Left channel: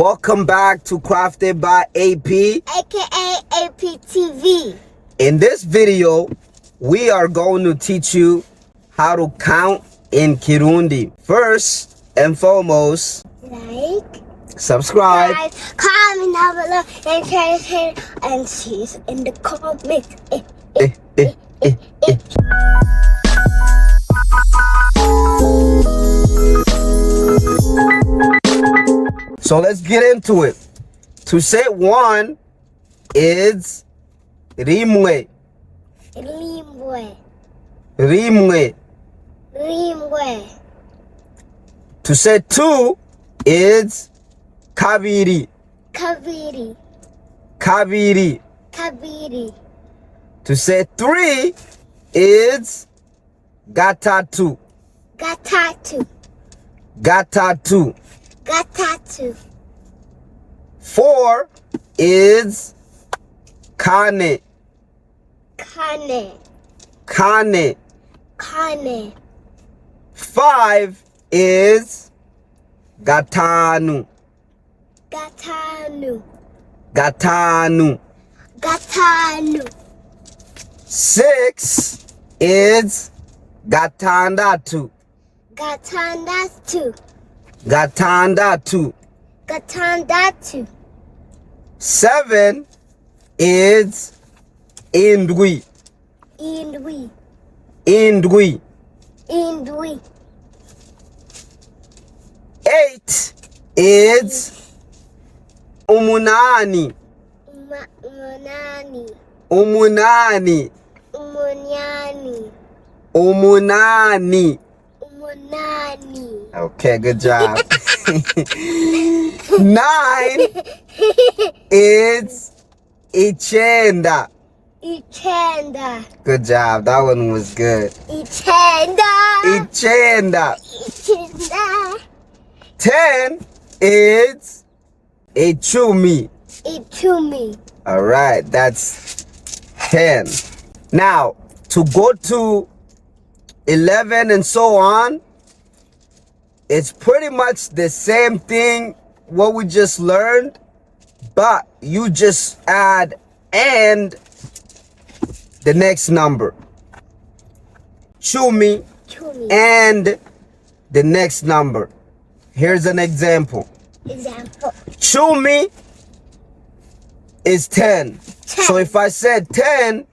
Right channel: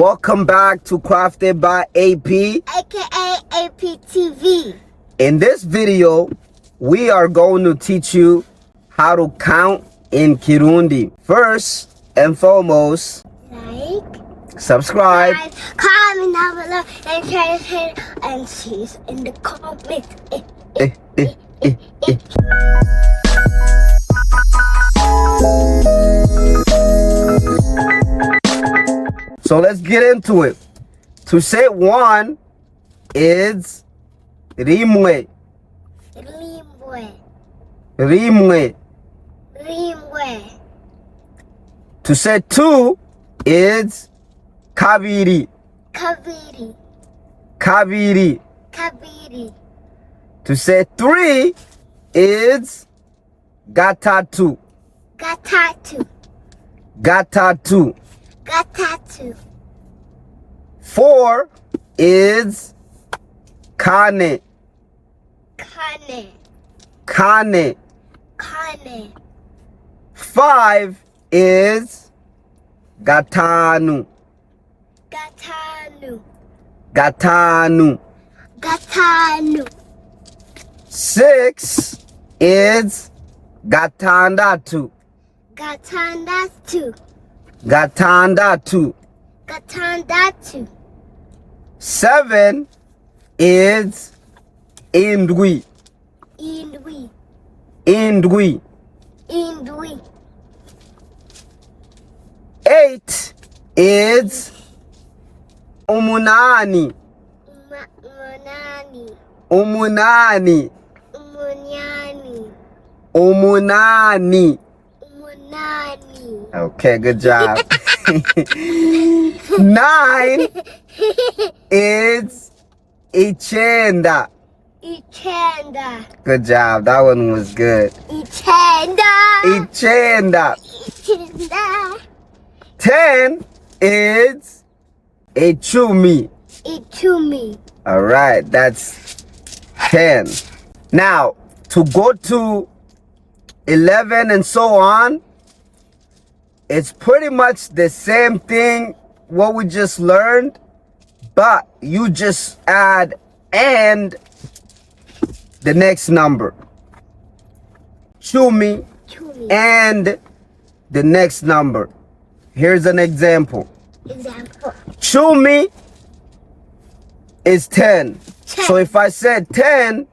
Welcome back to Crafted by AP, aka APTV. In this video, we are going to teach you how to count in Kirundi. First and foremost, Like, subscribe, comment down below, and share and see us in the comments. So let's get into it. To say one is rimwe. Rimwe. Rimwe. Rimwe. To say two is kabiri. Kabiri. Kabiri. Kabiri. To say three is gatatu. Gatatu. Gatatu. Gatatu. Four is kane. Kane. Kane. Kane. Five is gatanu. Gatanu. Gatanu. Gatanu. Six is gatandatu. Gatandatu. Gatandatu. Gatandatu. Seven is indwi. Indwi. Indwi. Indwi. Eight is umunani. Umunani. Umunani. Umunani. Umunani. Umunani. Okay, good job. Nine is ichenda. Ichenda. Good job. That one was good. Ichenda. Ichenda. Ichenda. 10 is ichumi. Ichumi. All right, that's 10. Now, to go to 11 and so on, it's pretty much the same thing what we just learned, but you just add and the next number. Chumi Chumi. and the next number. Here's an example. Example. Chumi is 10. 10. So if I said 10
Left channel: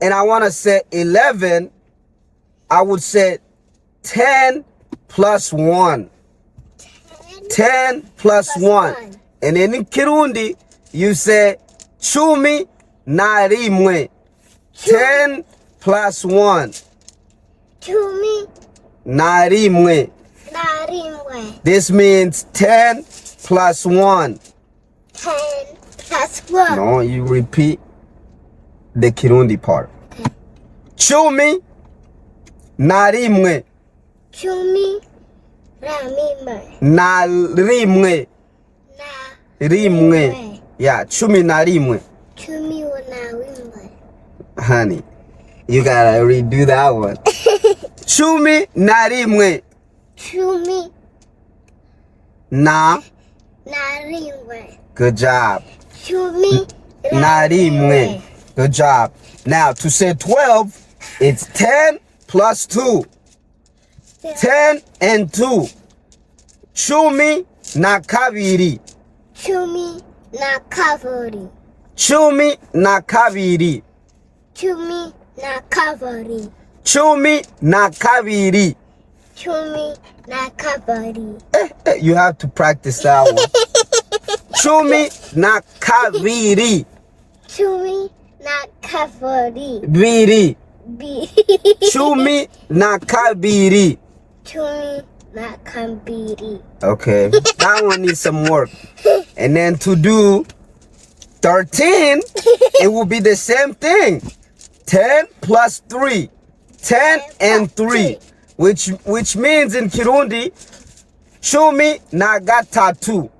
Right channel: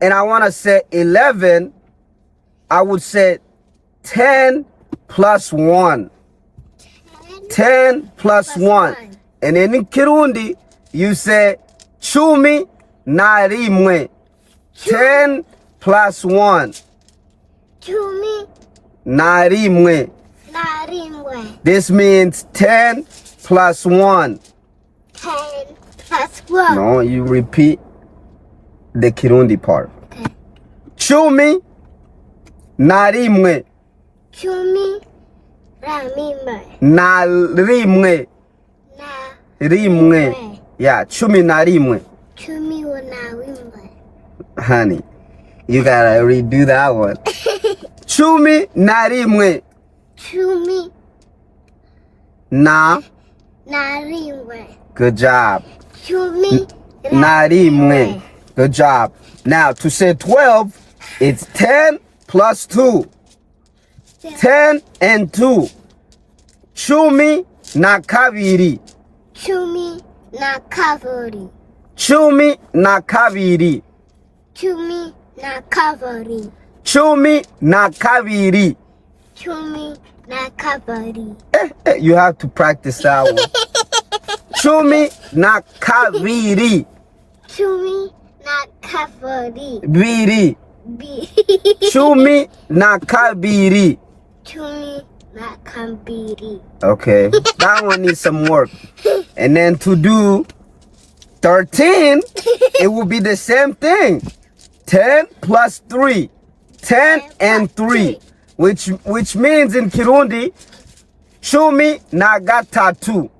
and I want to say 11, I would say 10 plus 1. 10 plus 1. And then in Kirundi, you say chumi na rimwe. 10 plus 1. Chumi. Na rimwe. Narimwe. This means 10 plus 1. 10 plus 1. No, you repeat the Kirundi part. Okay. Chumi na rimwe. Chumi. Ramime. Na rimwe. Na. Rimwe. Yeah, chumi na rimwe. Chumi na rimwe. Honey, you gotta redo that one. Chumi na rimwe. Chumi. Na. Na rimwe. Good job. Chumi. Na rimwe. Good job. Now, to say 12, it's 10 plus 2. 10 and 2. Chumi na kabiri. Chumi na kabiri. Chumi na kabiri. Chumi na kabiri. Chumi na kabiri. Chumi na kabiri. You have to practice that one. Chumi na kabiri. Chumi na kabiri. Biri. B. Chumi na kabiri. Chumi na kabiri. Okay, that one needs some work. And then to do 13, it will be the same thing. 10 plus 3. 10 and 3. Which means in Kirundi, chumi na gatatu.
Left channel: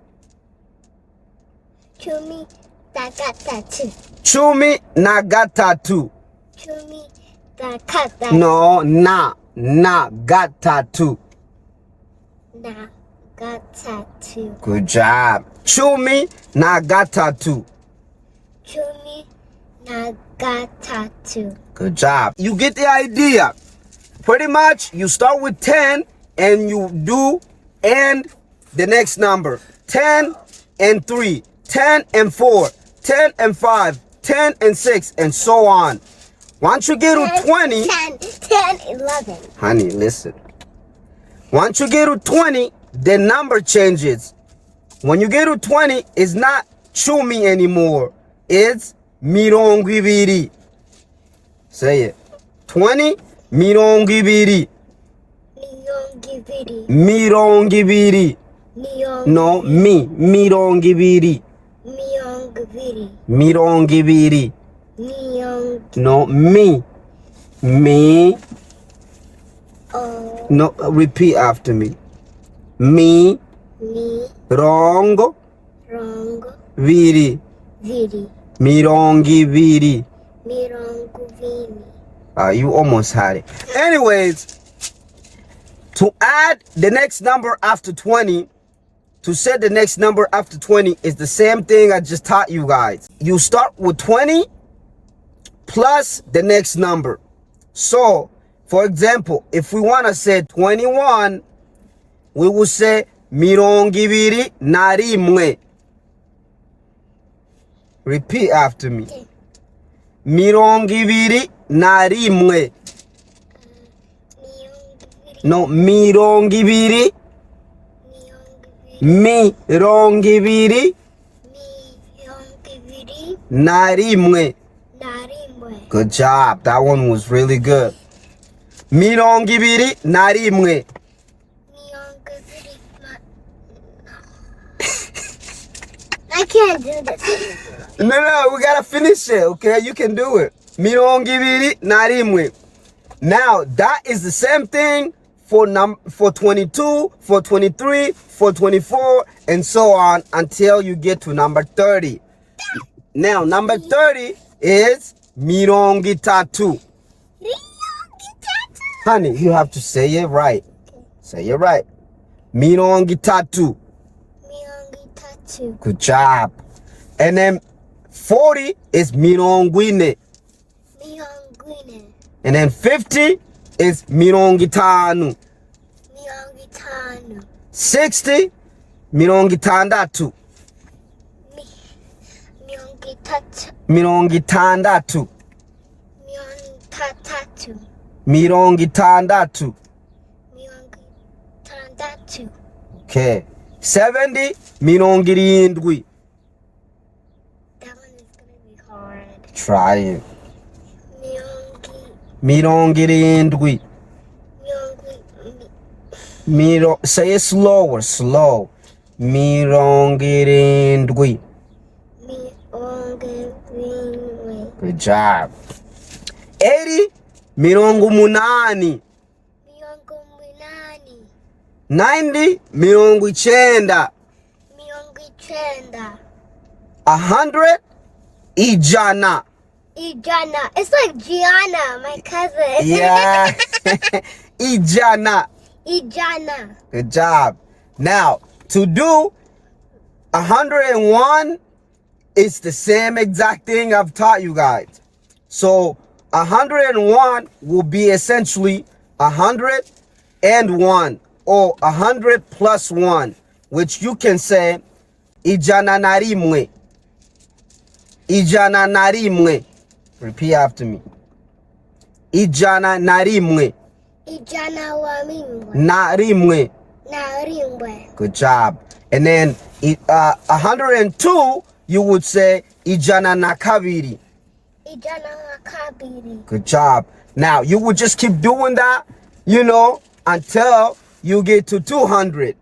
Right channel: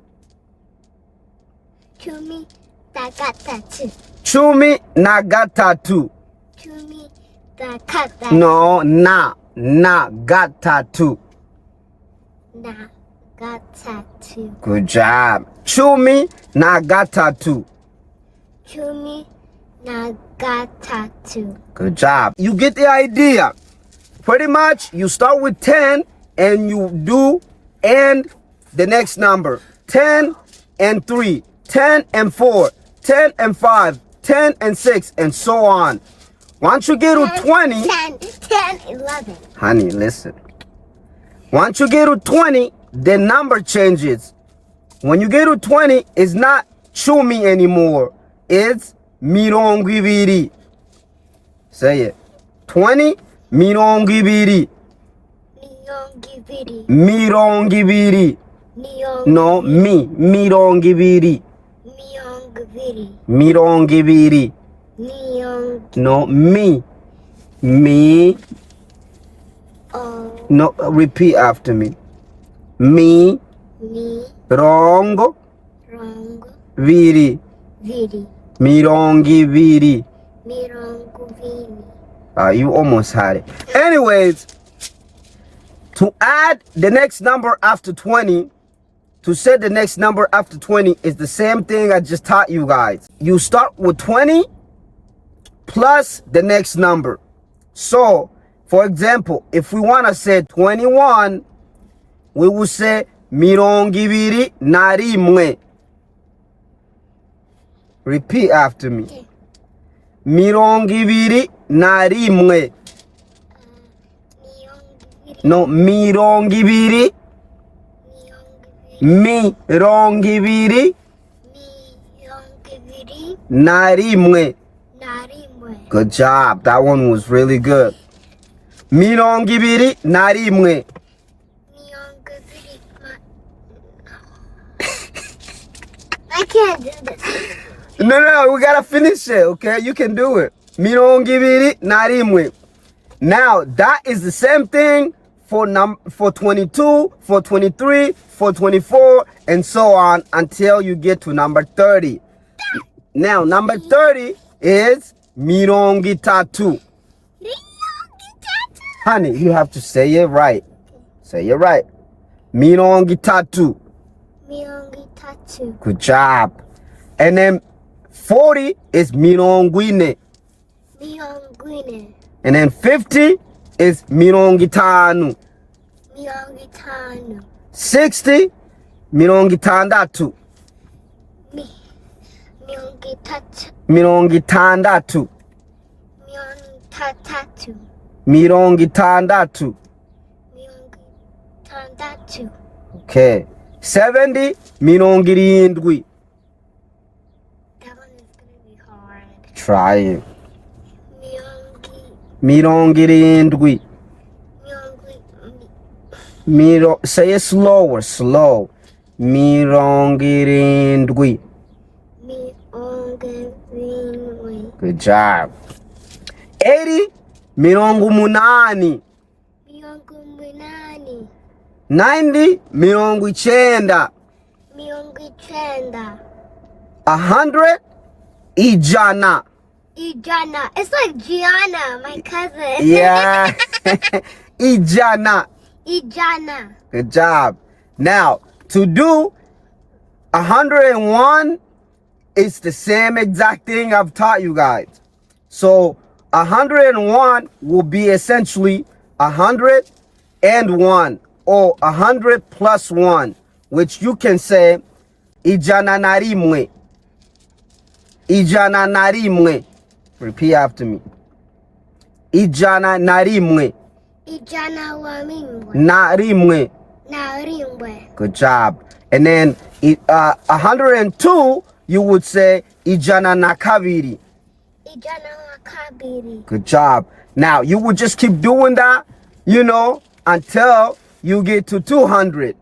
Chumi na gatatu. Chumi na gatatu. Chumi na gatatu. No, na gatatu. Na tattoo. Good job. Chumi na got tattoo. Chumi na got tattoo. Good job. You get the idea. Pretty much, you start with 10 and you do and the next number. 10 and 3, 10 and 4, 10 and 5, 10 and 6, and so on. Once you get to 20... 10, 11. Honey, listen. Once you get to 20, the number changes. When you get to 20, it's not chumi anymore. It's mirongo ibiri. Say it. 20, mirongo ibiri. Mirongo ibiri. No, mirongo ibiri. Mirongo ibiri. No, me. No, repeat after me. Rongo. Viri. Mirongo ibiri. You almost had it. Anyways, to add the next number after 20, to set the next number after 20 is the same thing I just taught you guys. You start with 20 plus the next number. So, for example, if we want to say 21, we will say mirongo ibiri na rimwe. Repeat after me. Okay. Mirongo ibiri na rimwe. No, mirongo ibiri. Mirongo ibiri na rimwe. Good job. That one was really good. Mirongo ibiri na rimwe. I can't do this. No, we gotta finish it, okay? You can do it. Mirongo ibiri na rimwe. Now, that is the same thing for 22, for 23, for 24, and so on until you get to number 30. Now, number 30 is mirongo itatu. Honey, you have to say it right. Say it right. Mirongo itatu. Good job. And then 40 is mirongo ine. And then 50 is mirongo itanu. 60 mirongo itandatu. Mirongo itandatu. Mirongo itandatu. Okay. 70 mirongo irindwi. That one is gonna be hard. Try it. Mirongo irindwi. Say it slower, slow. Mirongo irindwi. Good job. 80 mirongo umunani. 90 mirongo icyenda. 100 ijana. Ijana. It's like Gianna, my cousin. Yeah. Ijana. Ijana. Good job. Now, to do 101, it's the same exact thing I've taught you guys. So 101 will be essentially 101 or 100 plus 1, which you can say ijana na rimwe. Ijana na rimwe. Repeat after me. Ijana na rimwe. Ijana wa rimwe. Na rimwe. Na rimwe. Good job. And then 102, you would say ijana na kabiri. Ijana wa kabiri. Good job. Now, you would just keep doing that, until you get to 200.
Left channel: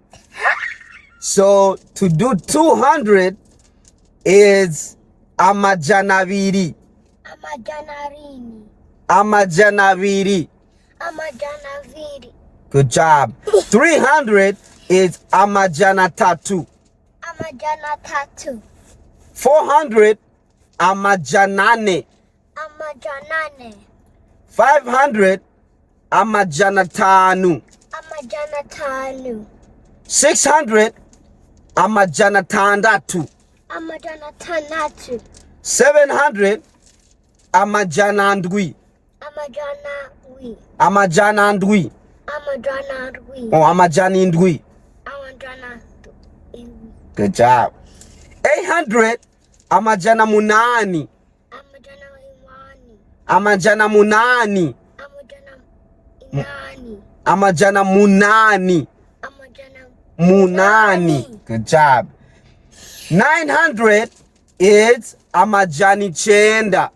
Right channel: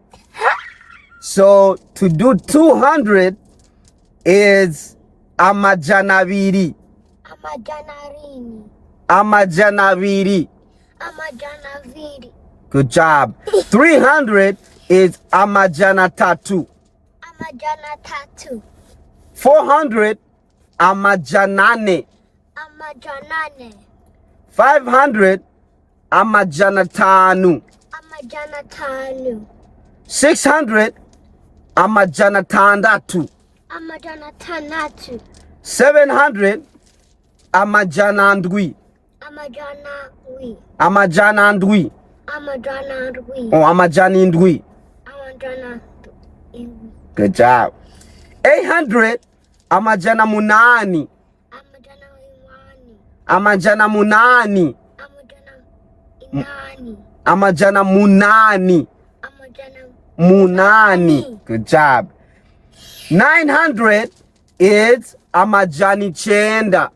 So, to do 200 is amajanaviri. Amajanarini. Amajanaviri. Amajanaviri. Good job. 300 is amajanatatu. Amajanatatu. 400, amajanane. Amajanane. 500, amajanatanu. Amajanatanu. 600 amajana atandatu. Amajana atandatu. 700 amajana ndwi. Amajana ndwi. Amajana ndwi. Amajana ndwi. Oh, amajana indwi. Amajana ndwi. Good job. 800 amajana munani. Amajana imani. Amajana munani. Amajana inani. Amajana munani. Amajana Munani. Good job. 900 is amajani chenda.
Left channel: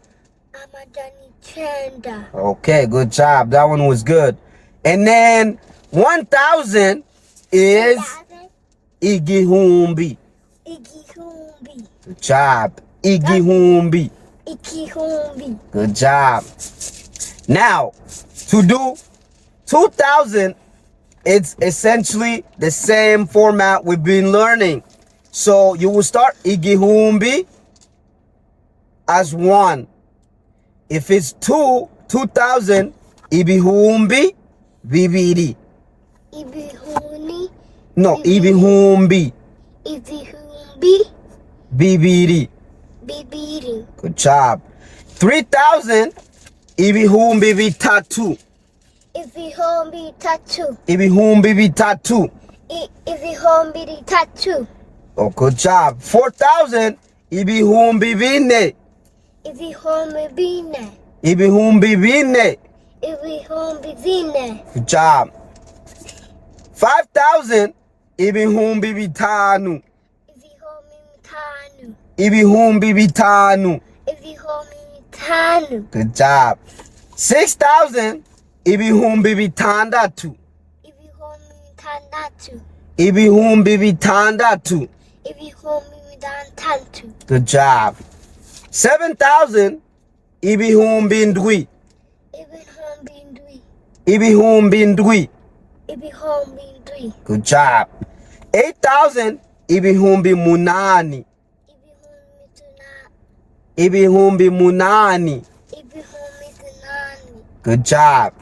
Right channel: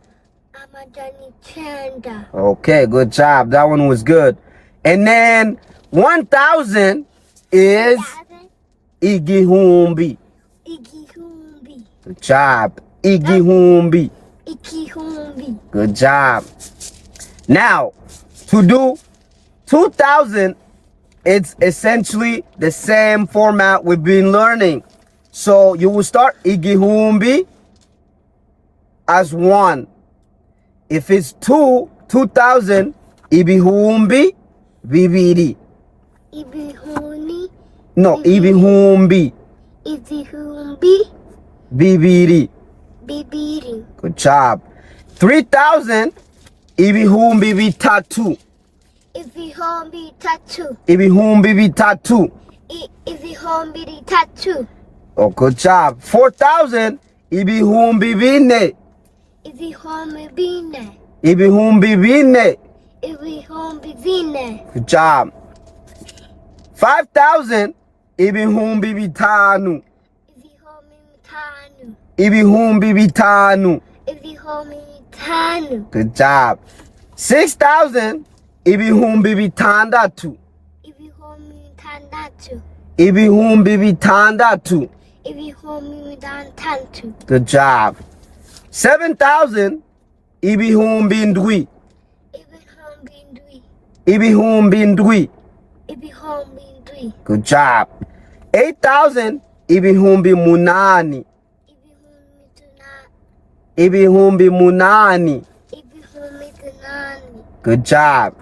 Amajani chenda. Okay, good job. That one was good. And then 1000 is igihumbi. Igihumbi. Good job. Igihumbi. Igihumbi. Good job. Now, to do 2000, it's essentially the same format we've been learning. So you will start igihumbi as 1. If it's 2000, ibihumbi bibiri. Ibihuni. No, ibihumbi Ibihumbi. bibiri. Bibiri. Good job. 3000, ibihumbi bitatu. Ibihumbi tatu. Ibihumbi bitatu. Ibihumbi tatu. Oh, good job. 4000, ibihumbi bine. Ibihumbi bine. Ibihumbi bine. Ibihumbi bine. Good job. 5000, ibihumbi bitanu. Ibihumbi bitanu. Ibihumbi bitanu. Ibihumbi bitanu. Good job. 6000, ibihumbi bitandatu. Ibihumbi bitandatu. Ibihumbi bitandatu. Ibihumbi bitandatu. Good job. 7000, ibihumbi ndwi. Ibihumbi ndwi. Ibihumbi ndwi. Ibihumbi ndwi. Good job. 8000, ibihumbi munani. Ibihumbi tuna. Ibihumbi munani. Ibihumbi tunani. Good job.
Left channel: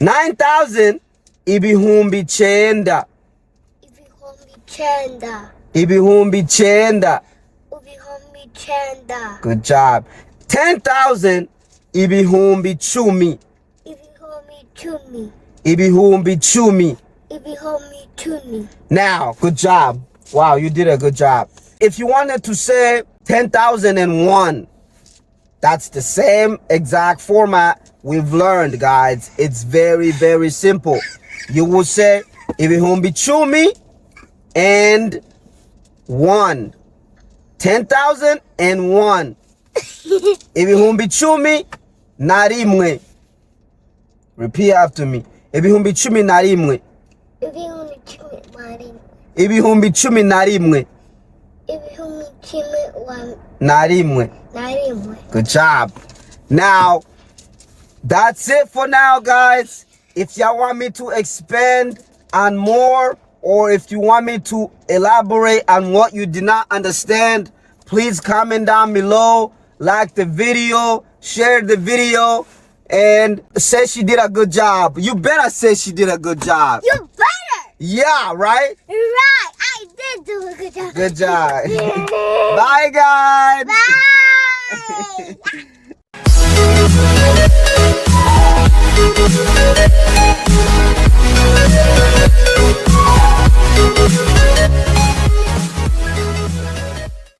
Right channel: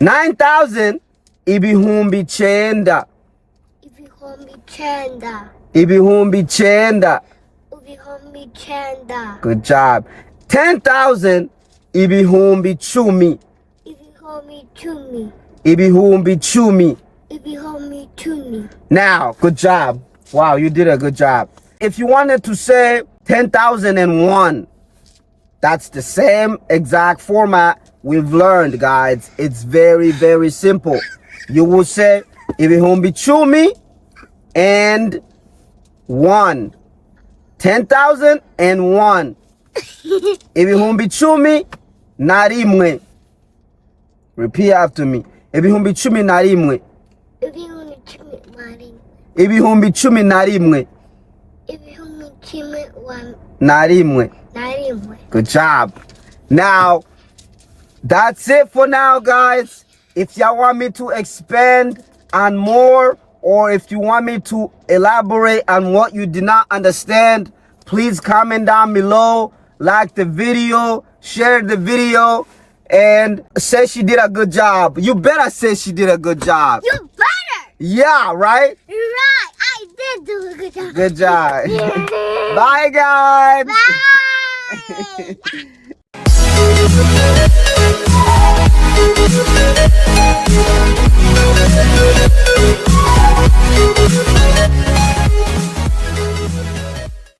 9000, ibihumbi chenda. Ibihumbi chenda. Ibihumbi chenda. Ibihumbi chenda. Good job. 10,000, ibihumbi chumi. Ibihumbi chumi. Ibihumbi chumi. Ibihumbi chumi. Now, good job. Wow, you did a good job. If you wanted to say 10,001, that's the same exact format we've learned, guys. It's very, very simple. You will say ibihumbi chumi and 1. 10,001. Ibihumbi chumi na rimwe. Repeat after me. Ibihumbi chumi na rimwe. Ibihumbi chumi mari. Ibihumbi chumi na rimwe. Ibihumbi chumi Na rimwe. narimwe. Good job. Now, that's it for now, guys. If y'all want me to expand on more, or if you want me to elaborate on what you did not understand, please comment down below, like the video, share the video, and say she did a good job. You better say she did a good job. You better. Yeah, right? Right. I did do a good job. Good job. Yeah. Bye, guys. Bye.